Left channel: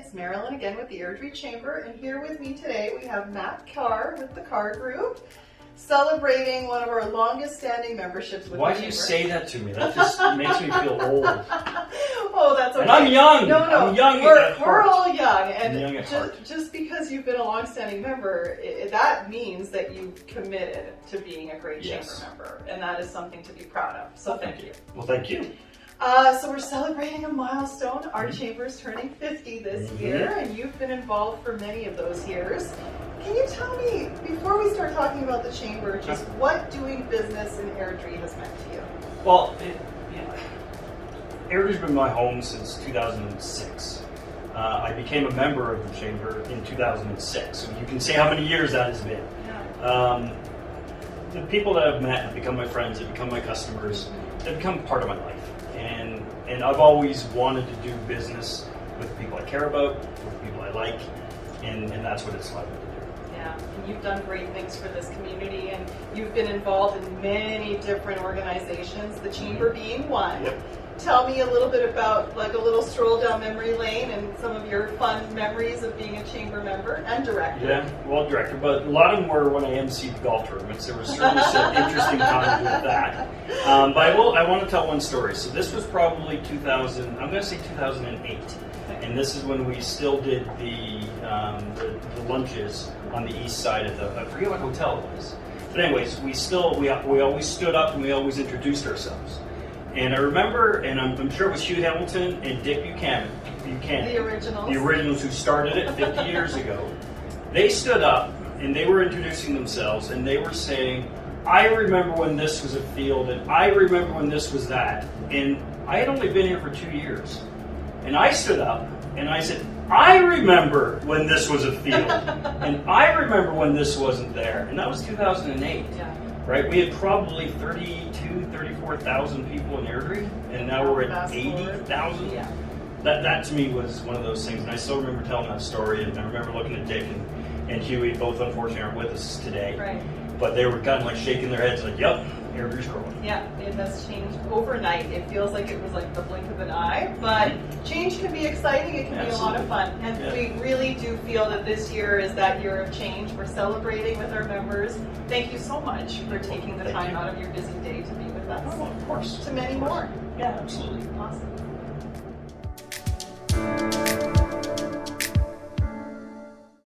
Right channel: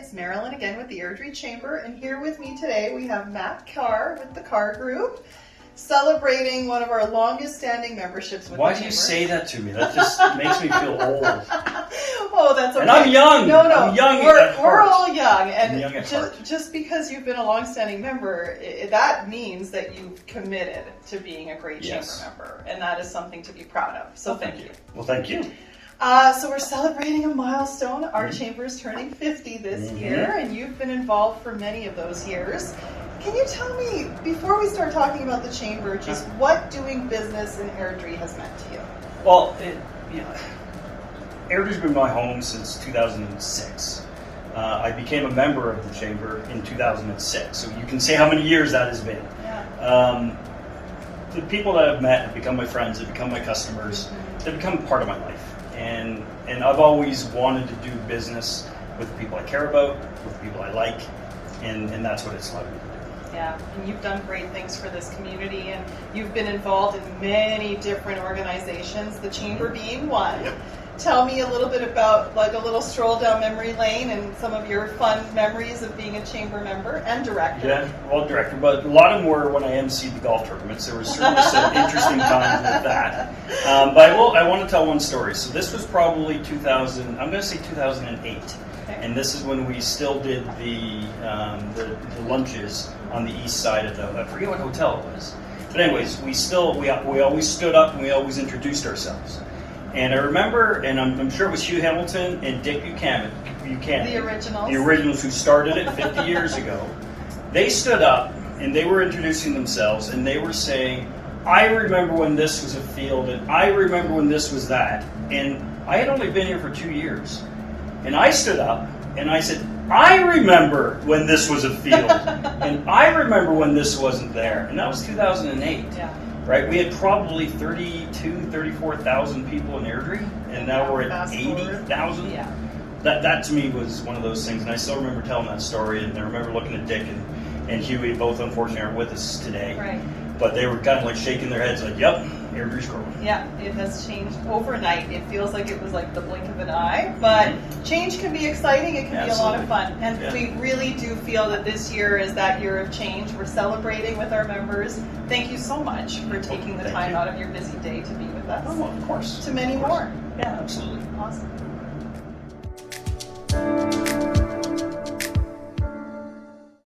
it's Marilyn again with the Airdrie Chamber, and here with me today we have Matt Carre with the Carre Group, celebrating one of our longest standing memberships with the Chamber. Why do you say that to me? That just makes me feel old. Oh, that's okay. And I'm young. No, I'm young we're at heart. all young, and I'm young at heart. just because you've been a long-standing member, that means that you've committed to being a great Chamber member, and that is something to be proud of. So thank you. Well, thank you. So we're celebrating a milestone. Our chamber is turning 50 this year, and you've been involved for many of those years. Can you tell me, before we start talking about the chamber, just what doing business in Airdrie has meant to you? Well, Airdrie's been my home since 2006. I became a member of the chamber in 2006, so you can say how many years that has been. Yeah. The people that I've met have become my friends, have become my customers, they've become part of my life. And I've always wanted to do business with the people I care about, with the people I like, and that's what it's allowed me to do. Yeah, and you've done great things for this community, and you've been involved in many different organizations, the Chamber being one. Yep. Tell me a little bit about, like, a little stroll down memory lane and some of your fun memories of being a Chamber member and director. Yeah, well, director, but a lot of them were when I emceed the golf tournaments. There was certainly some interesting times with that. But I want to tell one story. So this was probably 2000, I'm going to say 2008. Okay. And this is when we still did the lunches on the east side of the, I forget what hotel it was. But anyways, we always stood up and we always introduced ourselves. And I remember, and I'm sure it was Hugh Hamilton and Dick Buchanan. The originals. The originals who started it 50 years ago. They stood up and they were introducing themselves and they were saying, I remember when this was a field and I remember when this was that. And I had only been here for 2 years. And I stood up and I said, I remember when this was a field. And I remember when this wasn't there. And that was 2008. Yeah. Right, we had probably 34,000 people in Airdrie, and now we're at 80,000. Yeah. That to me was one of those things, and I still remember telling that story, and I remember looking at Dick and Huey, both unfortunately aren't with us today. Right. But they were kind of like shaking their heads like, yep, Airdrie's growing. Yeah, it has changed overnight. It feels like it was like the blink of an eye, but change can be exciting. It can be a lot of fun. And we really do feel that this year is that year of change. We're celebrating with our members. Thank you so much for taking the time out of your busy day to be with us. Oh, of course. To many more. Yeah, absolutely. Awesome.